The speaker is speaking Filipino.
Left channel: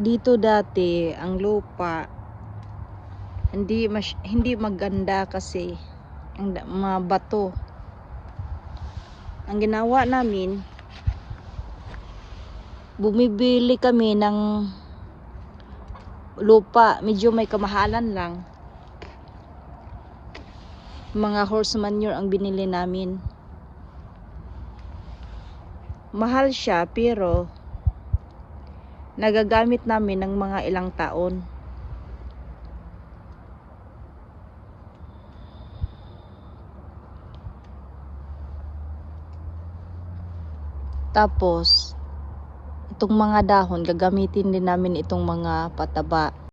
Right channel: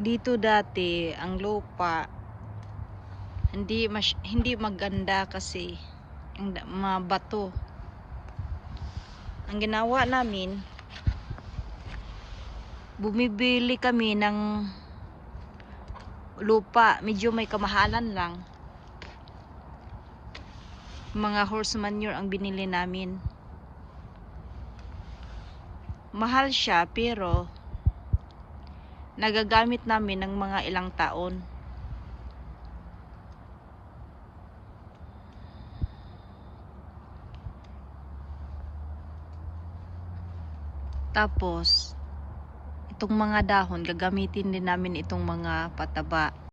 Dito dati ang lupa hindi maganda kasi ang mga bato. Ang ginawa namin, bumibili kami ng lupa, medyo may kamahalan lang. Mga horse manure ang binili namin. Mahal siya pero nagagamit namin ng mga ilang taon. Tapos itong mga dahon gagamitin din namin itong mga pataba.